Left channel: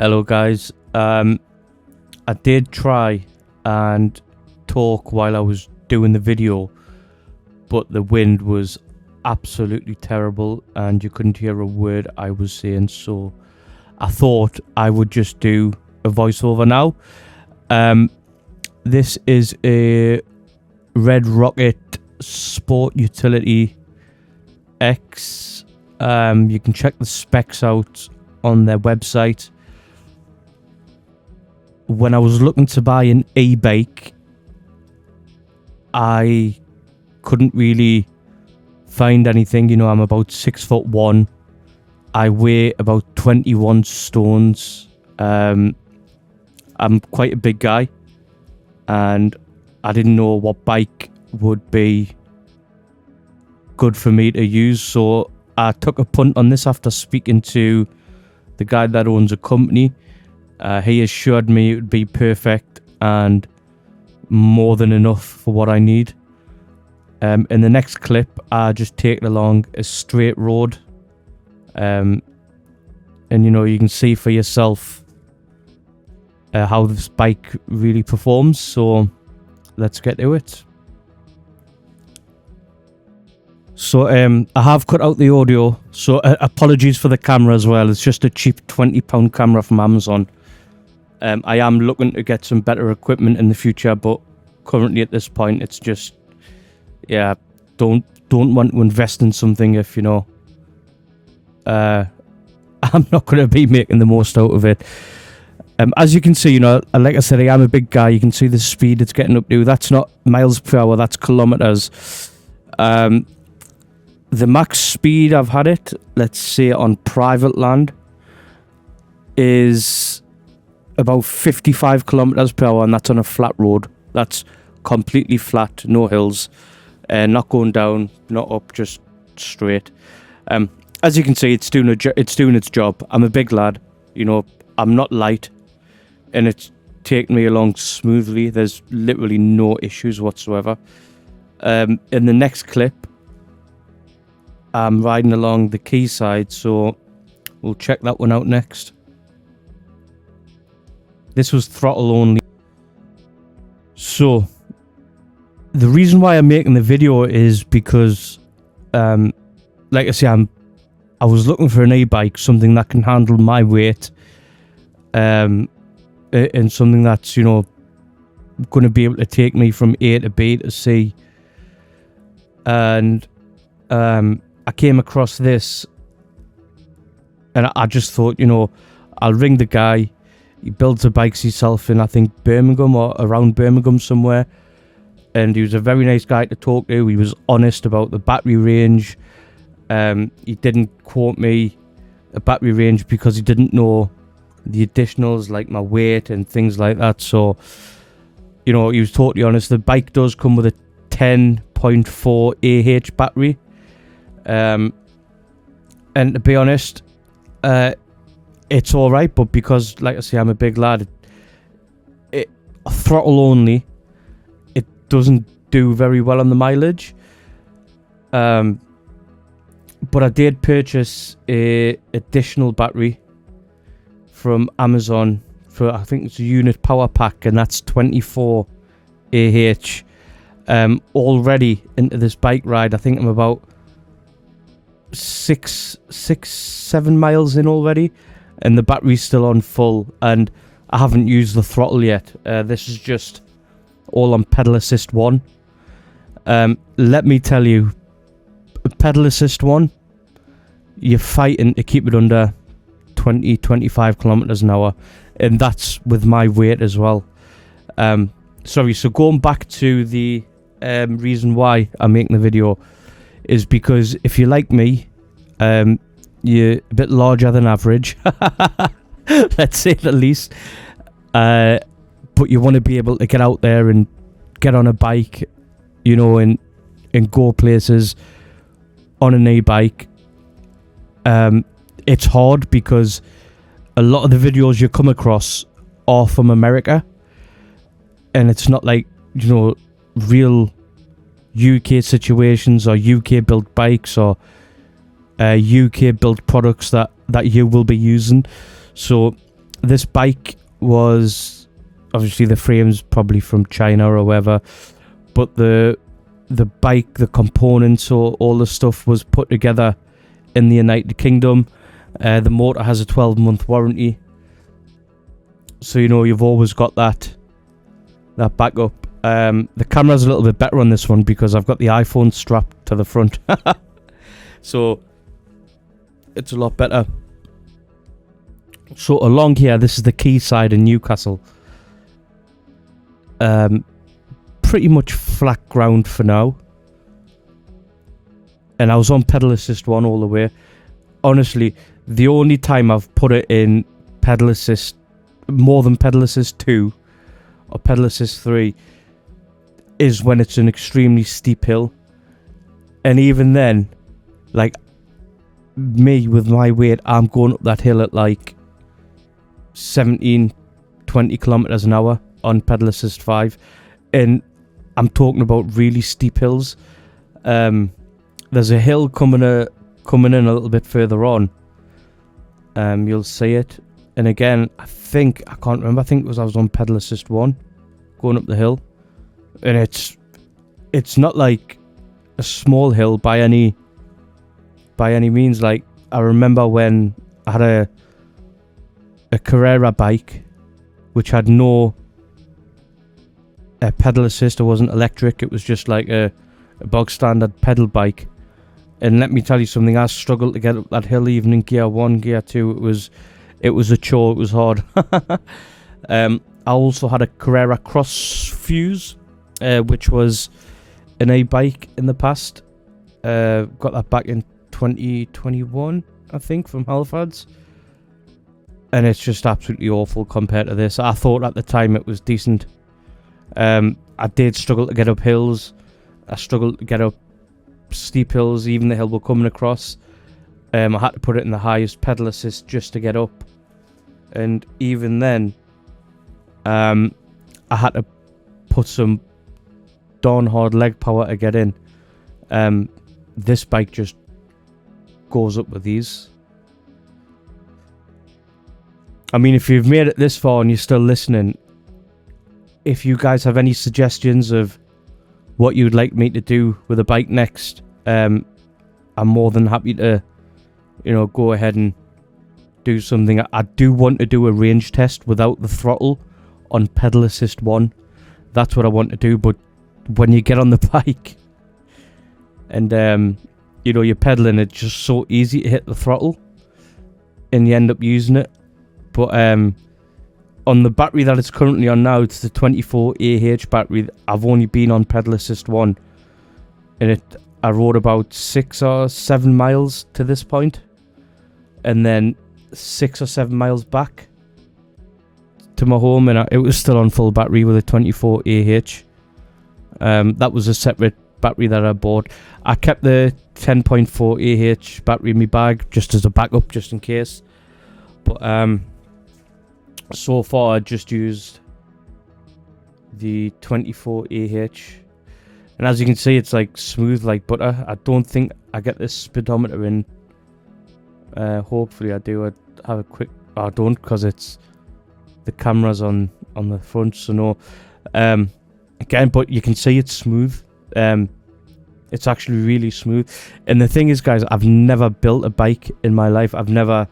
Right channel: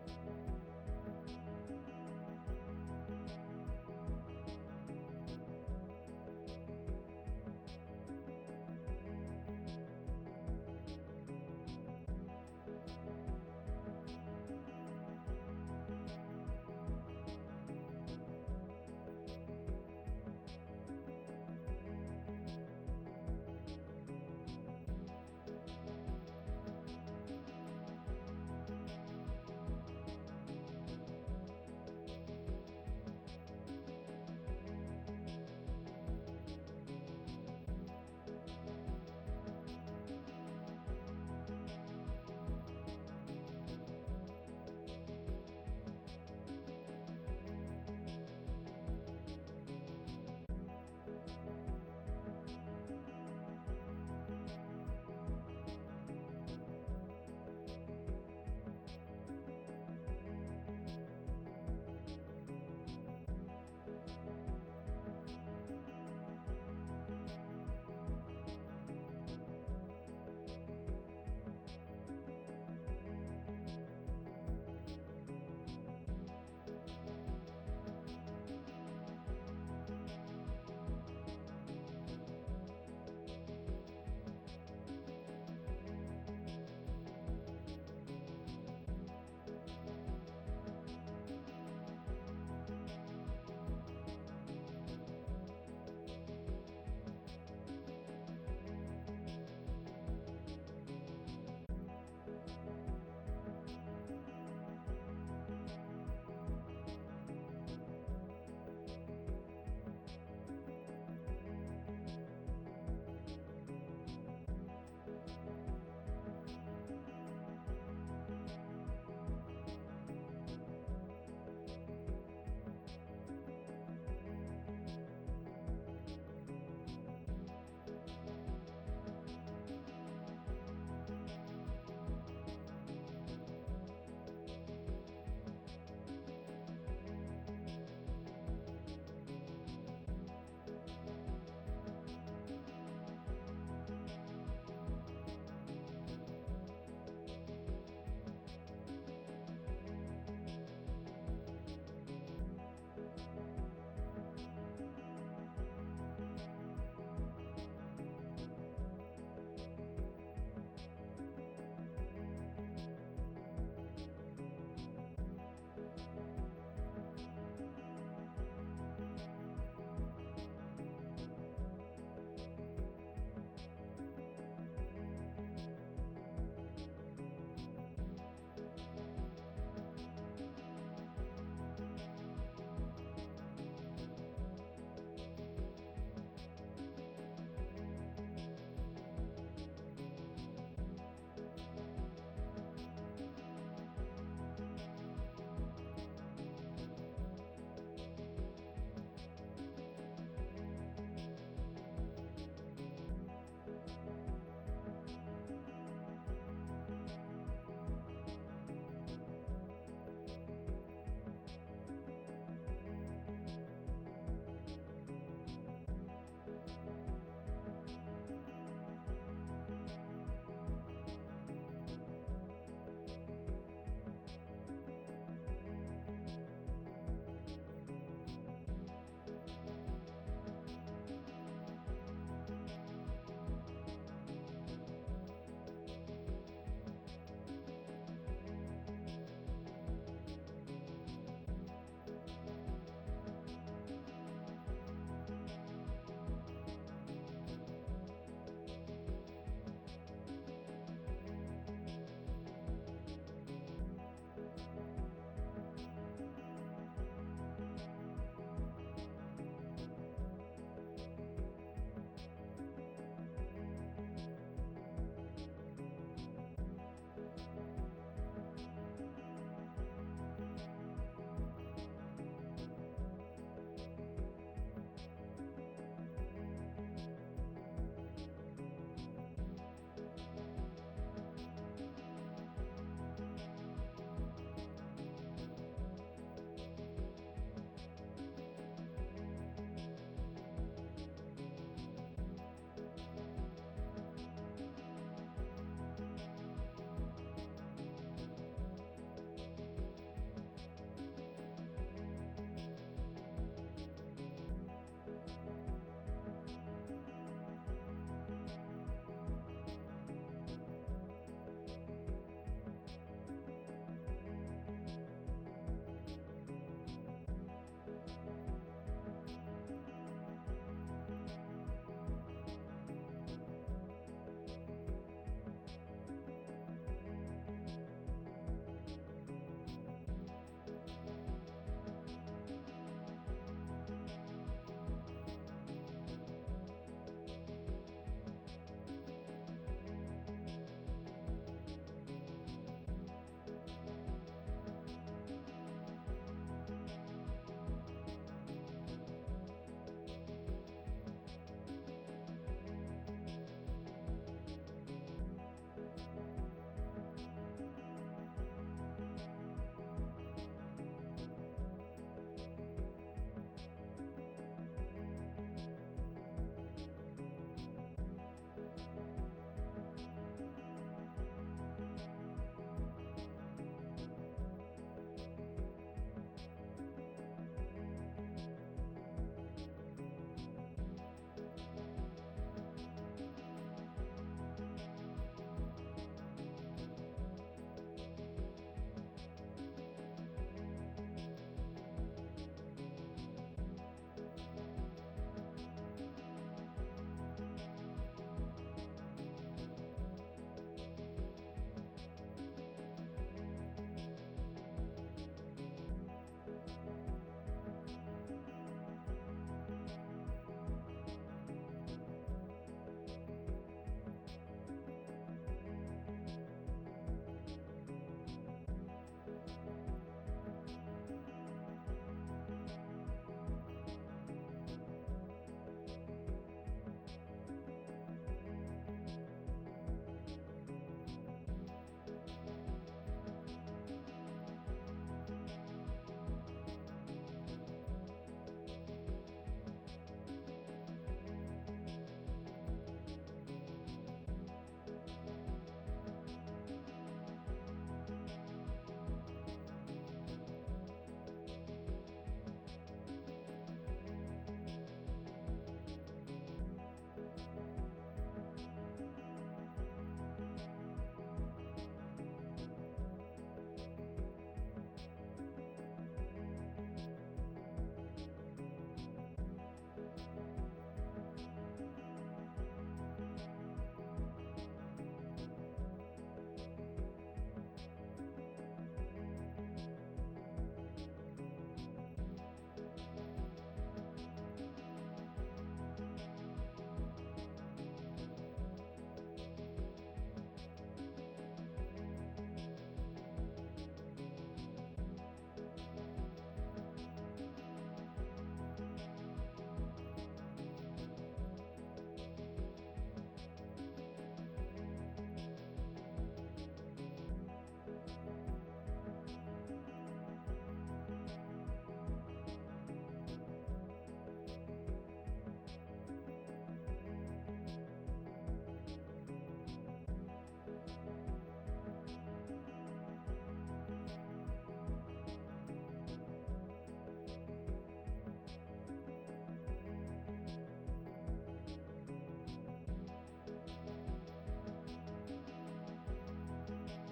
Hello guys. I did try and talk while I was doing the video, but the wind was absolutely terrible and you couldn't hear a word I was saying, so I thought I would just do a voiceover now. This is a Red Rocket Sport Utility X. You can check the specs out on their website. When I was looking to buy an e-bike, I couldn't really find anything. You know, I'm about 6'1". I weigh about 21 stones. I'm quite a big guy, and I didn't know what bike would be good for me to use, so I took a punt on this after speaking to the guy that owns a company. He assured me it would be perfect and more than enough for what I need. In the next clip, I just take it along a straight road, and you know, you can see for yourself how this bike really performs. So let's get to it. So I have cut out the audio, so apologies for the camera as well. It's just a cheap £20 camera from Amazon. I am looking to get some better equipment in the future, but currently at this point it's just, yeah, don't want to invest in something if, you know, I'm not going to be making the most out of it. As you can see, you know, like I said, I am a big guy. You can see the speed it's getting up to. That's not miles per hour, that's kilometers. The max speed I've had it, let's say on private land, is about 55 kilometers per hour, and that's on a flat road. That's completely flat, no hills, not going down, not up, just straight. As you can see, it's doing its job. I'm a big lad, you know, I'm not light, and it's taking me along smoothly. There's literally no issues whatsoever. In the next clip, I'm riding along the quayside, so we'll check that one out next. This was throttle only. So the reason why I'm making the video is because, like I say, I was looking for an e-bike, something that can handle my weight, and something that's, you know, going to be able to take me from A to B to C. And I came across this, and I just thought, you know, I'll ring the guy. He builds the bikes himself in, I think, Birmingham or around Birmingham somewhere. And he was a very nice guy to talk to. He was honest about the battery range. He didn't quote me a battery range because he didn't know the additionals like my weight and things like that. So, you know, he was totally honest. The bike does come with a 10.4 AH battery. And to be honest, it's all right, but because, like I say, I'm a big lad, it throttle only, it doesn't do very well on the mileage. But I did purchase a additional battery from Amazon for, I think it's a unit power pack, and that's 24 AH. Already into this bike ride, I think I'm about 7 miles in already, and the battery's still on full, and I haven't used the throttle yet. This is just all on pedal assist 1. Let me tell you, pedal assist 1, you're fighting to keep it under 20-25 kilometers an hour, and that's with my weight as well. Sorry, so going back to the reason why I'm making the video is because if you're like me, you're a bit larger than average, let's say the least, but you want to be able to get out there and get on a bike, you know, and go places on an e-bike. It's hard because a lot of the videos you come across are from America, and it's not like, you know, real UK situations or UK built bikes or UK built products that you will be using. So This bike was obviously the frame's probably from China or wherever, but the bike, the components, or all the stuff was put together in the United Kingdom. The motor has a 12-month warranty, so you've always got that backup. The camera's a little bit better on this one because I've got the iPhone strapped to the front, so it's a lot better. So along here, this is the quayside in Newcastle. Pretty much flat ground for now. And I was on pedal assist 1 all the way. Honestly, the only time I've put it in pedal assist, more than pedal assist 2 or pedal assist 3, is when it's an extremely steep hill. And even then, like me with my weight, I'm going up that hill at like 17, 20 kilometers an hour on pedal assist 5, and I'm talking about really steep hills. There's a hill coming in a little bit further on. You'll see it, and again, I can't remember. I think I was on pedal assist 1 going up the hill, and it's not like a small hill by any means. Like, I remember when I had a Carrera bike which had no pedal assist. It wasn't electric, it was just like a bog standard pedal bike, and let me tell you something, I struggled to get up that hill even in gear 1, gear 2. It was a chore, it was hard. I also had a Carrera Cross Fuse, which was an A-bike in the past. Got that back in 2021, I think, from Halifax. And it's just absolutely awful compared to this. I thought at the time it was decent. I did struggle to get up hills. I struggled to get up steep hills, even the hill we're coming across. I had to put it in the highest pedal assist just to get up. And even then, I had to put some darn hard leg power to get in. This bike just goes up with ease. I mean, if you've made it this far and you're still listening, if you guys have any suggestions of what you'd like me to do with a bike next, I'm more than happy to, go ahead and do something. I do want to do a range test without the throttle on pedal assist 1. That's what I want to do. But when you get on the bike and you're pedaling, it's just so easy to hit the throttle and you end up using it. But on the battery that it's currently on now, it's the 24Ah battery. I've only been on pedal assist 1, and I rode about 6 or 7 miles to this point, and then 6 or 7 miles back to my home, and it was still on full battery with a 24Ah. That was a separate battery that I bought. I kept the 10.4Ah battery in my bag just as a backup, just in case. But so far I just used the 24Ah, and as you can see, it's like smooth like butter. I don't think I get this speedometer in. Hopefully I do. I have a quick. I don't, because it's the camera's on the front, so no. Again, but you can see it's smooth. It's actually really smooth. And the thing is, guys, I've never built a bike in my life. I've never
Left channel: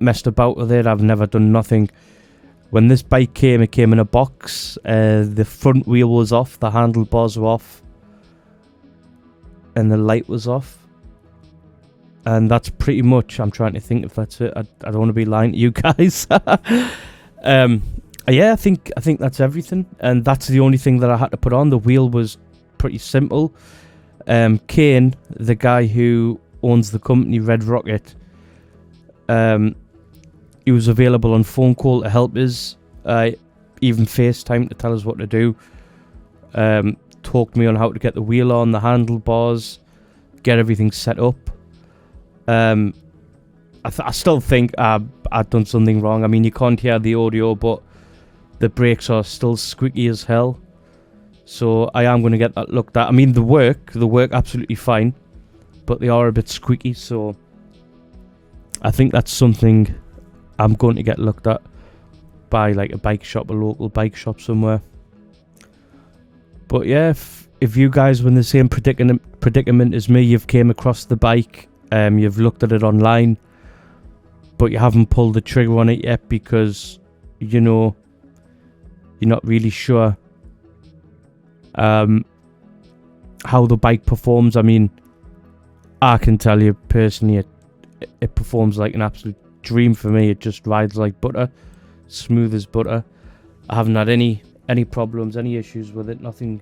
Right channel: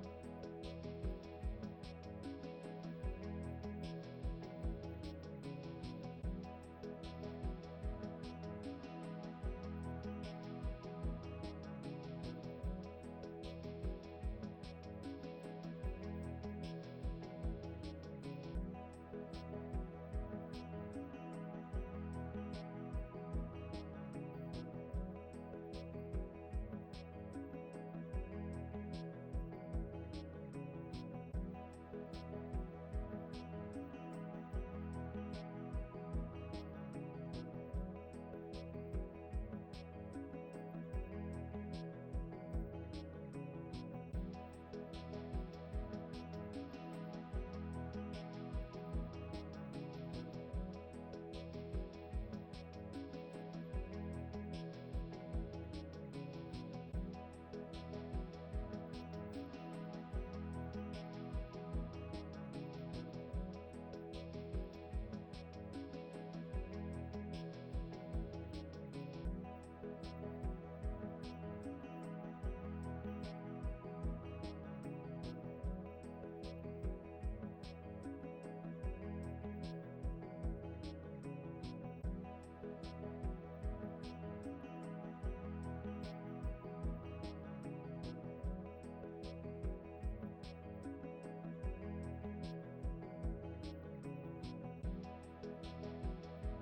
messed about with it. I've never done nothing. When this bike came, it came in a box. The front wheel was off, the handlebars were off, and the light was off. And that's pretty much, I'm trying to think if that's it. I don't want to be lying to you guys. Yeah, I think that's everything. And that's the only thing that I had to put on. The wheel was pretty simple. Kane, the guy who owns the company Red Rocket, he was available on phone call to help us, even FaceTime to tell us what to do. Talked me on how to get the wheel on, the handlebars, get everything set up. I still think I've done something wrong. I mean, you can't hear the audio, but the brakes are still squeaky as hell. So I am going to get that looked at. I mean, the work absolutely fine, but they are a bit squeaky. So I think that's something I'm going to get looked at by like a bike shop, a local bike shop somewhere. But yeah, if you guys were in the same predicament as me, you've came across the bike, you've looked at it online, but you haven't pulled the trigger on it yet because, you know, you're not really sure how the bike performs. I mean, I can tell you personally, it performs like an absolute dream for me. It just rides like butter, smooth as butter. I haven't had any problems, any issues with it. Nothing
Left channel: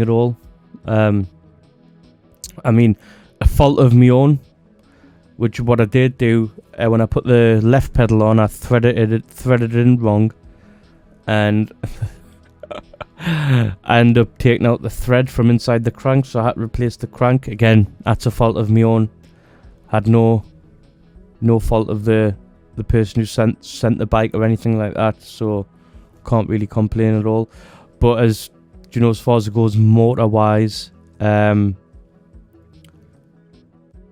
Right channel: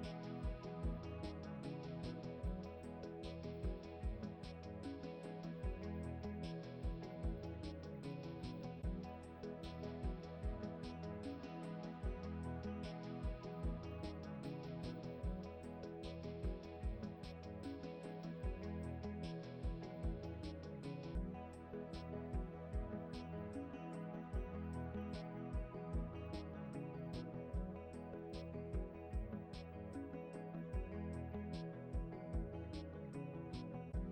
at all. I mean, a fault of my own, which what I did do when I put the left pedal on, I threaded it in wrong, and I ended up taking out the thread from inside the crank, so I had to replace the crank. Again, that's a fault of my own. Had no fault of the person who sent the bike or anything like that, so can't really complain at all. But as you know, as far as it goes motor wise,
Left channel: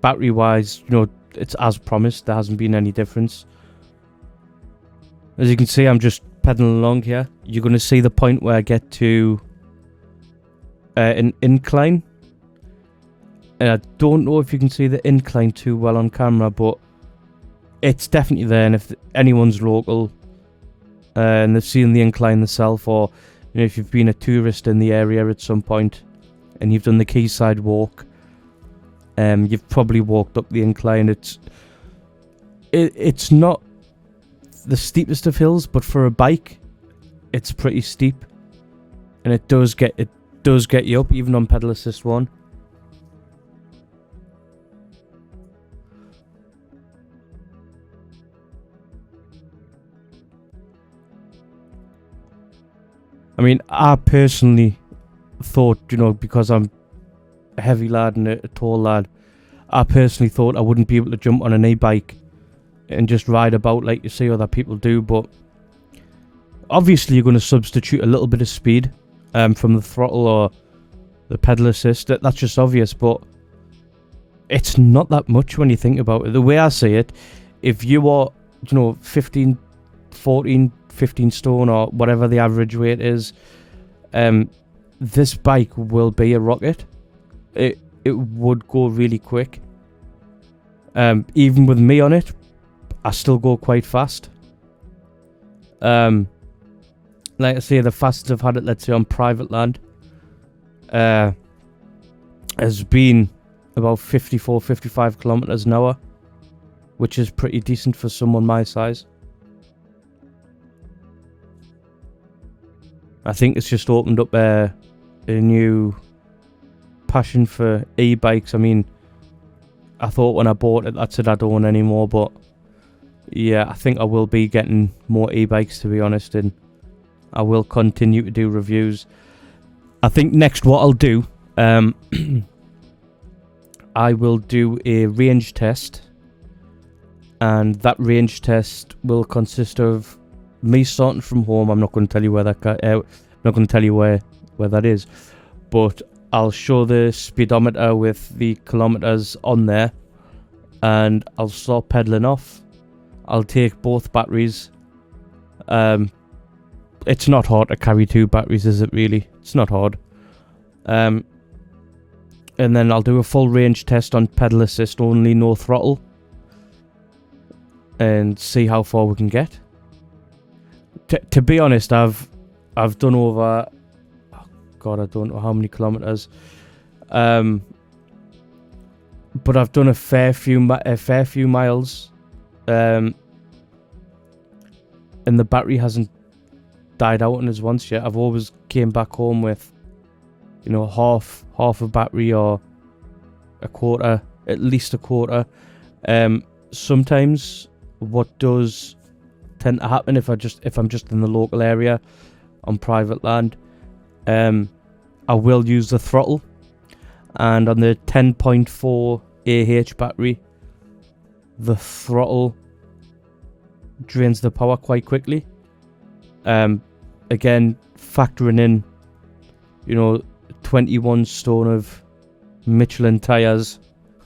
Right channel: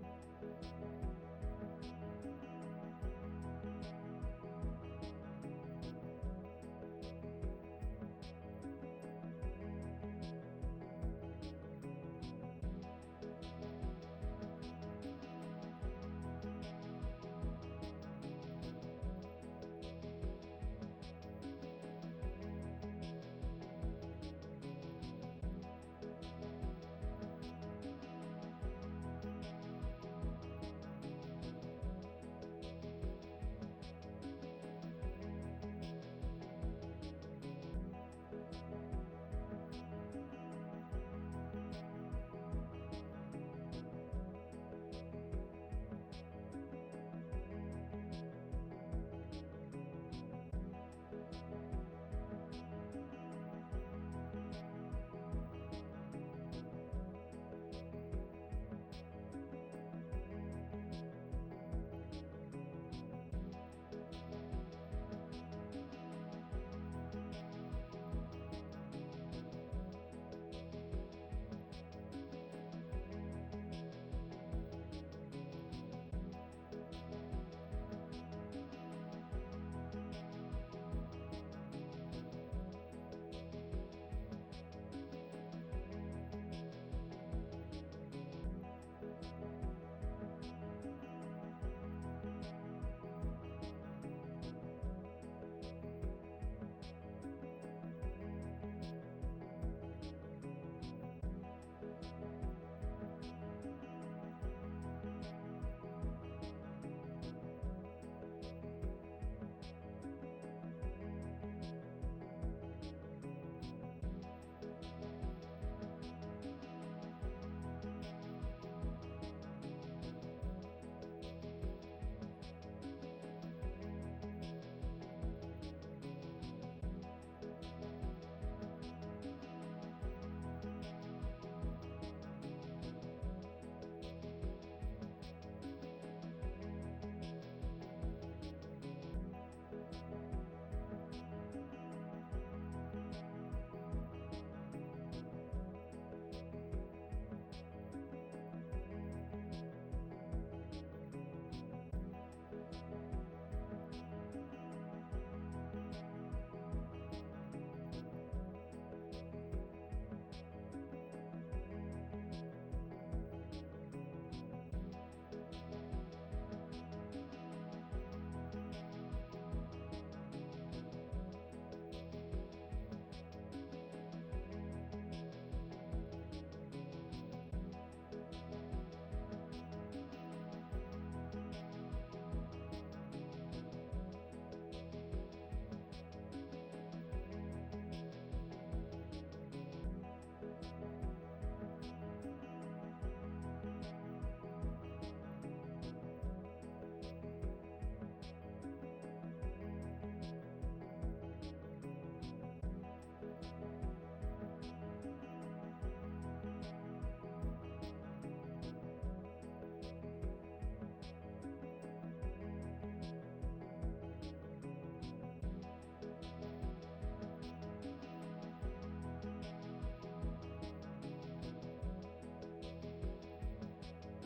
battery wise, you know, it's as promised. There hasn't been any difference. As you can see, I'm just pedaling along here. You're going to see the point where I get to an incline. And I don't know if you can see the incline too well on camera, but it's definitely there. And if anyone's local and they've seen the incline themselves, or you know, if you've been a tourist in the area at some point and you've done the quayside walk, you've probably walked up the incline. It's not the steepest of hills, but for a bike, it's pretty steep, and it does get you up even on pedal assist 1. I mean, I personally thought, you know, because I'm a heavy lad and a tall lad, I personally thought I wouldn't be able to jump on an e-bike and just ride about like you see other people do. But obviously you're going to substitute a little bit of speed from the throttle or the pedal assist. That's just obvious, but it's not that much when you think about it. The way I see it, if you are, you know, 15 stone or whatever the average weight is, this bike will be a rocket. It would go really quick. Even with me on it, I still go quite fast. Like I say, the fastest I've had it, let's say on private land, has been about 54-55 kilometers an hour, which is pretty decent for someone my size. I think it's just opened up a new passion for e-bikes. I mean, I thought when I bought it, that's it, I don't want anymore, but yeah, I think I will be getting more e-bikes, to be honest, and I will continue to do reviews. I think next what I'll do, I will do a range test, and that range test will consist of me starting from home. I'm not going to tell you where not going to tell you where that is, but I'll show the speedometer with the kilometers on there, and I'll start pedaling off. I'll take both batteries. It's not hard to carry 2 batteries, is it really? It's not hard. And then I'll do a full range test on pedal assist only, no throttle, and see how far we can get. To be honest, I've done over, oh God, I don't know how many kilometers, but I've done a fair few miles, and the battery hasn't died out on us once yet. I've always came back home with, you know, half a battery or a quarter, at least a quarter. Sometimes what does tend to happen if I'm just in the local area on private land, I will use the throttle, and on the 10.4 AH battery, the throttle drains the power quite quickly. Again, factoring in, you know, 21 stone of Michelin tires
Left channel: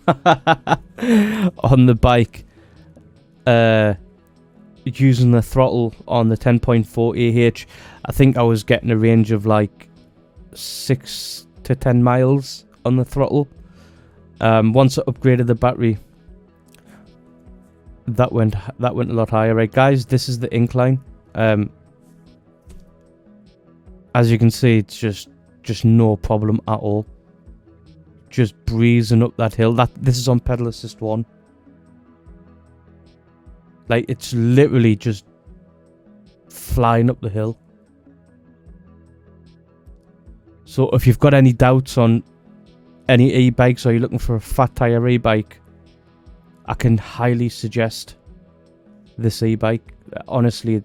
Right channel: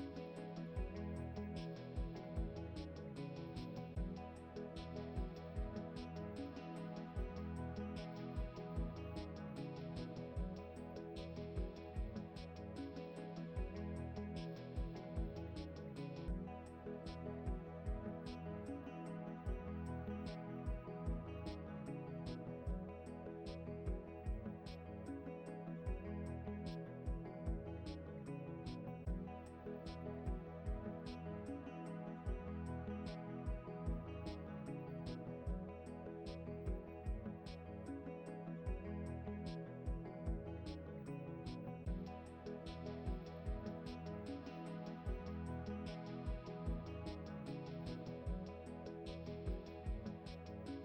on the bike, using the throttle on the 10.4 AH, I think I was getting a range of like 6 to 10 miles on the throttle. Once I upgraded the battery, that went a lot higher. Right, guys, this is the incline. As you can see, it's just no problem at all. Just breezing up that hill. This is on pedal assist 1. Like, it's literally just flying up the hill. So if you've got any doubts on any e-bikes, or you're looking for a fat tyre e-bike, I can highly suggest this e-bike. Honestly,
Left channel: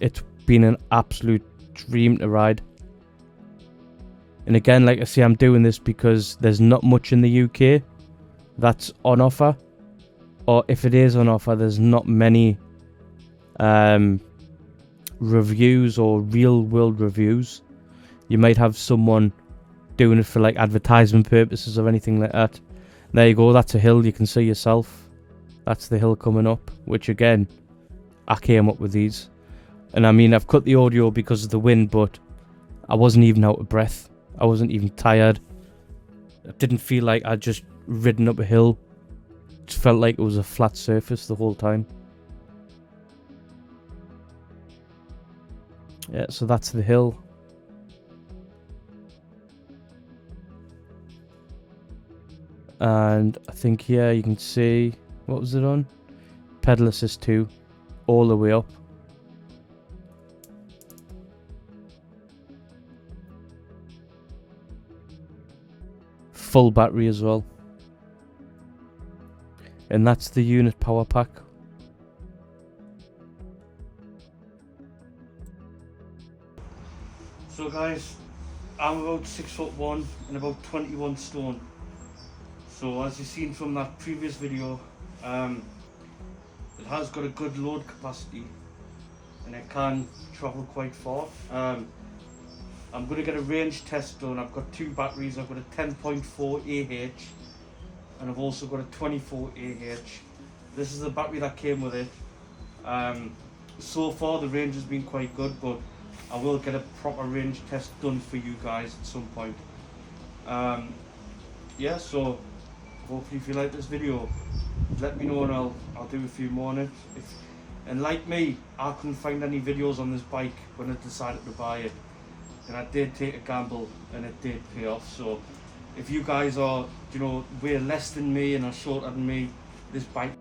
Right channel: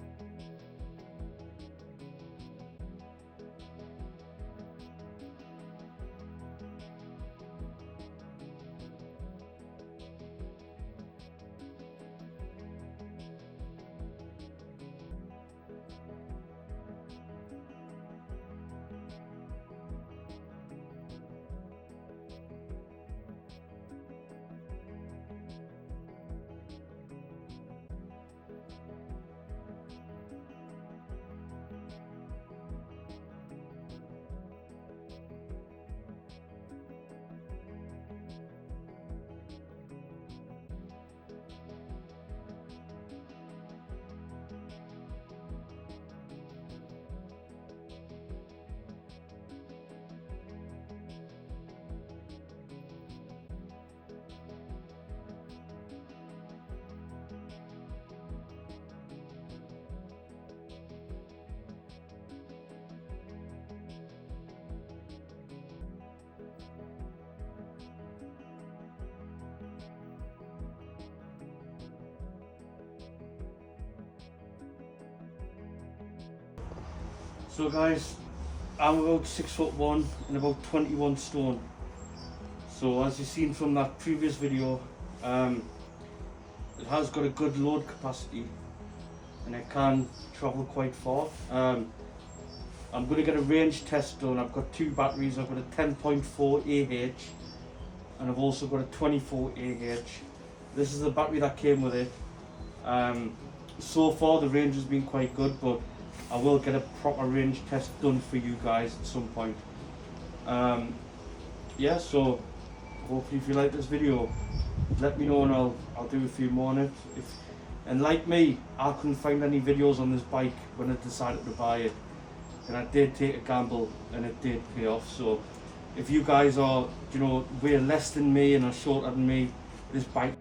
it's been an absolute dream to ride. And again, like I say, I'm doing this because there's not much in the UK that's on offer. Or if it is on offer, there's not many reviews or real world reviews. You might have someone doing it for like advertisement purposes or anything like that. There you go, that's a hill, you can see yourself. That's the hill coming up, which again, I came up with these. And I mean, I've cut the audio because of the wind, but I wasn't even out of breath. I wasn't even tired. I didn't feel like I'd just ridden up a hill. It just felt like it was a flat surface the whole time. Yeah, so that's the hill. And I think here you can see, what was it on? Pedal assist 2, all the way up. Full battery as well. And that's the unit power pack. So guys, I'm about 6'1" and about 21 stone. So as you've seen from that previous video, it has got a good load capacity and it can travel quite far. I'm going to get a range test done. I've got 2 batteries. I've got a 10.4 AH and I've also got a 24 AH. This is the battery that came with it. So far the range has been quite good, but I will get a proper range test done for you guys at some point. Yeah, so hopefully if you like this video, let me know and I'll do a few more on it. And like me, I couldn't find any videos on this bike when I decided to buy it. And I did take a gamble and it did pay off. So if you guys are, way less than me and are shorter than me, this bike